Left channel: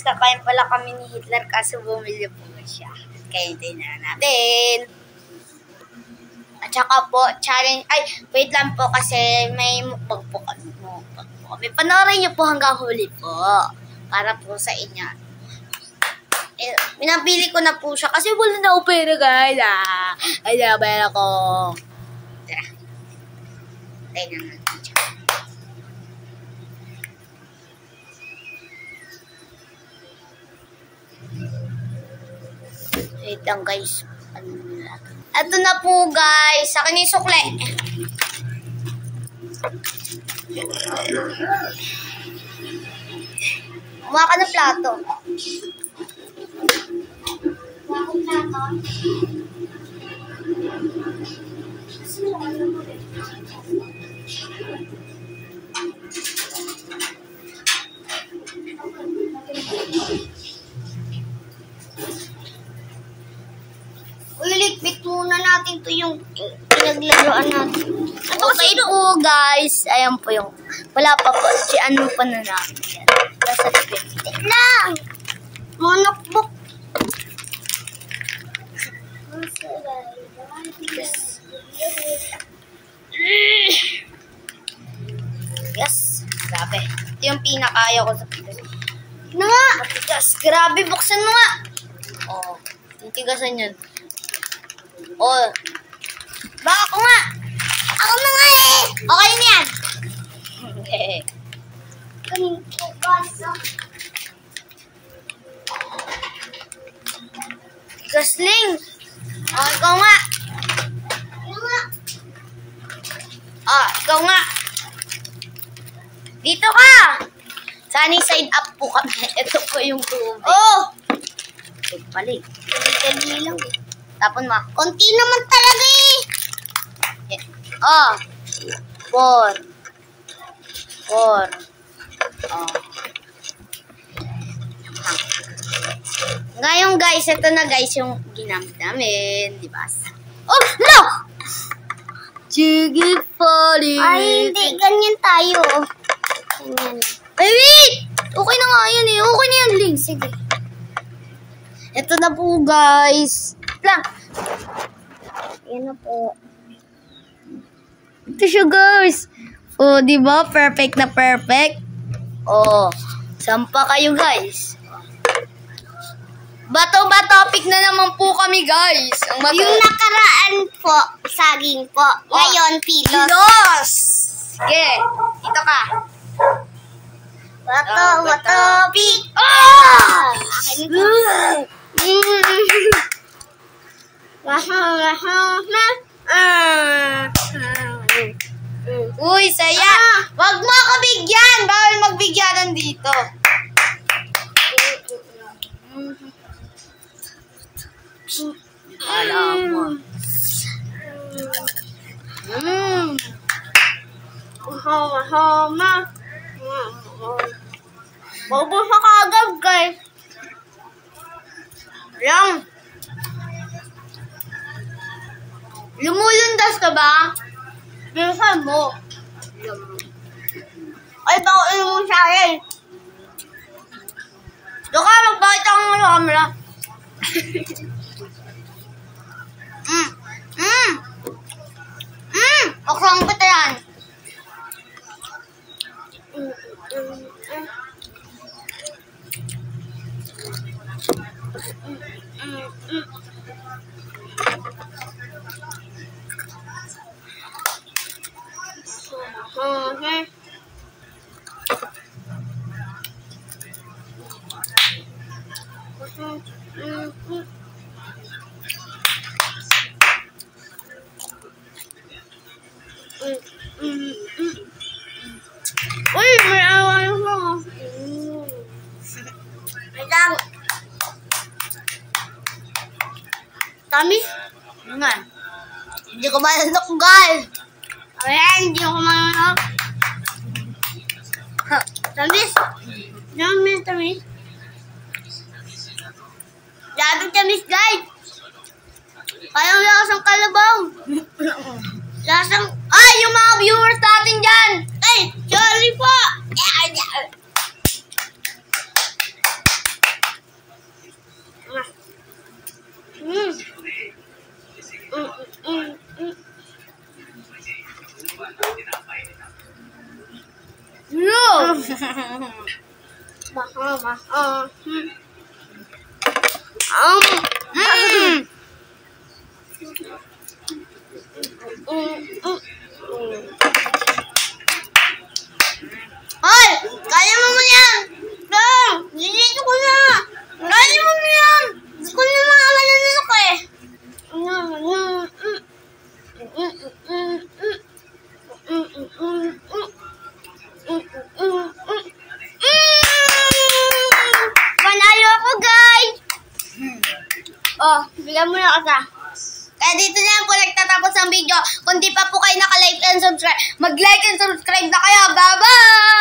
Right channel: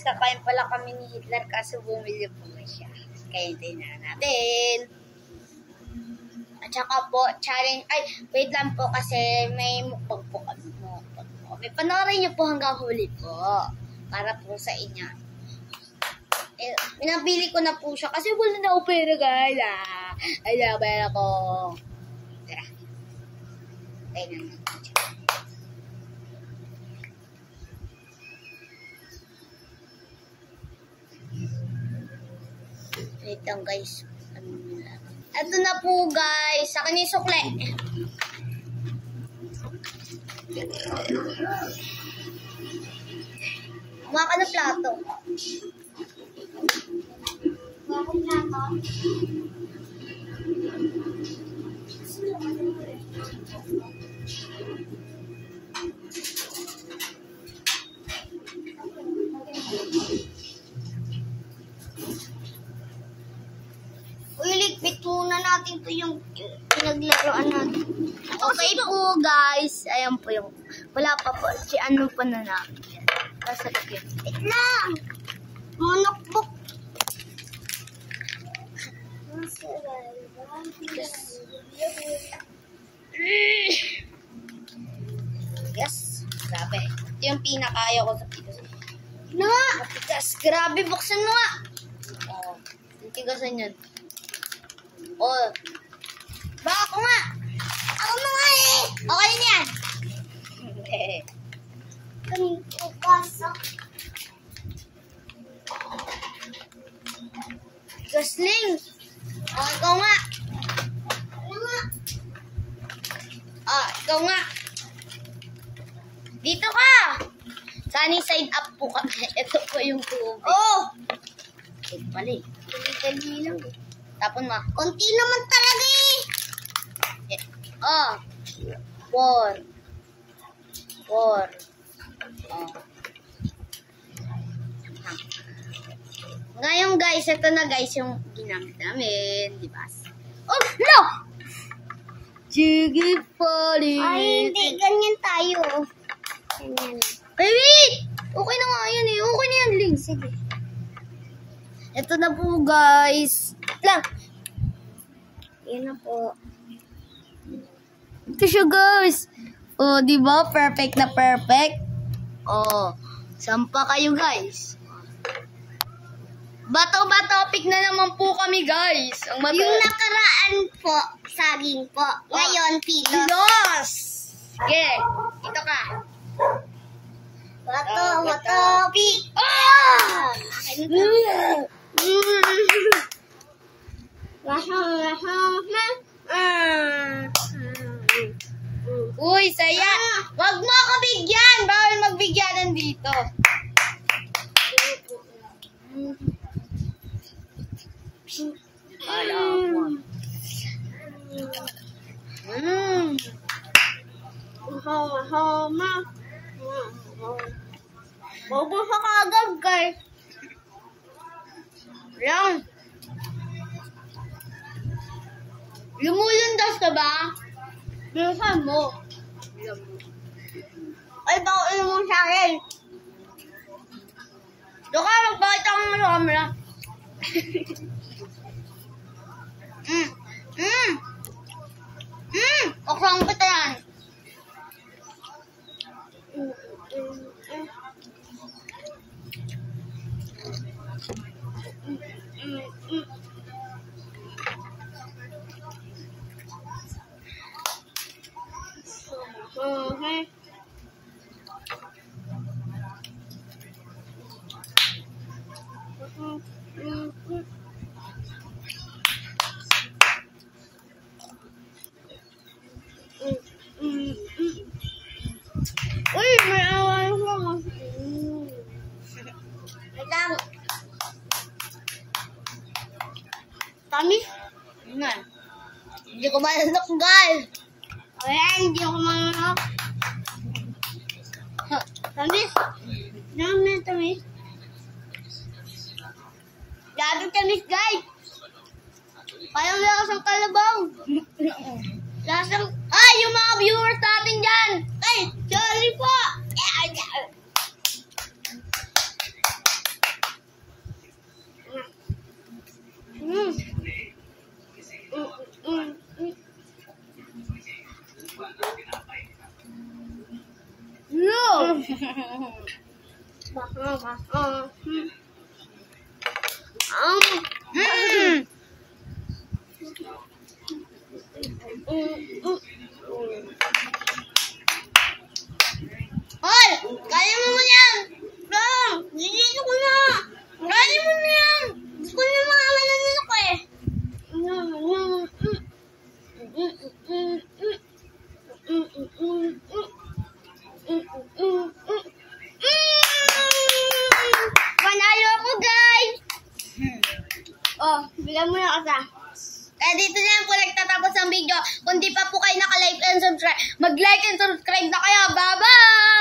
Kakain pala kami ni Hitler kaso bumili po siya. Kaya tingnan natin. At saka po, challenge. Ay, wait lang po kasi may mukbang po kami. Panoorin niyo po hanggang huli po. Para po sa inyo. Pinapili ko na po siya kasi wala na ako pera guys. Ay, nabala ko. Tara. Tingnan natin siya. Wait lang guys. Ito na po guys. Sa akin yung sukle. Kuha ka na plato. Kuha ko plato. Likbit muna natin to yung pinaglaruan natin. Okay po guys. Ayan po yung wala pa po. Si ano pa na namin yan. Nasa likbit. Lang! Monokbok. Yes. Grabe. Ito yung pinakaya ko sa pilas. Ano nga? Matigas. Grabe. Buksan mo nga. Oo. Titigasan yun. Oh. Baka ako nga. Ako na nga eh. Okay na yan. Okay. Kanin ko kasa. Gasling. Oh, ikaw nga. Ikaw nga. Oh, ikaw nga. Dito ka. Sunny side up po kami. Ito po yung tubig. Oh. Balik. Kali lang eh. Tapon mo. Konti naman talaga eh. Oh. 4. Oh. Ngayon guys, ito na guys yung ginamit namin. Diba? Oh, no! Jiggy Polly. Ay, hindi. Ganyan tayo. Ganyan. Ay, wait! Okay na nga yan eh. Okay na yan, Link. Sige. Ito na po guys. Lang. Yan na po. Ito siya guys. Oh, di ba? Perfect na perfect. Oh, sampa kayo guys. Bato ba topic na naman po kami guys. Yung nakaraan po, saging po. Ngayon, pilos. Pilos! Sige, dito ka. Bato ba topic? Oh! Akin ito. Uy, saya! Wag mo ako bigyan! Bawal magbigyanan dito. Alam mo. Hama. Maubos ka agad, guys. Alam. Lumulundas ka ba? Bilisan mo. Ay, baka mo sa akin. Doon ka, magpakita ko ng camera. Okrang kita yan. Uy, may awal ko. Ito. Tamis? Nga. Hindi ko mananok, guys. Ayan, hindi ko mananok. Tamis? Tamis. Labing tamis, guys. Parang lasang kalabaw. Lasang... Ay, yung mga viewers natin dyan. Ay, sorry po. Hoy! Kaya mo mo yan! Dong! Dito ko na! Kaya mo mo yan! Gusto ko na mga mananok eh! Panalo ako, guys! Oh, bigyan mo na kita. Kaya dito na lang po nagtatapos ang video. Kung di pa po kayo naka-like and subscribe, mag-like and subscribe na kayo. Bye-bye!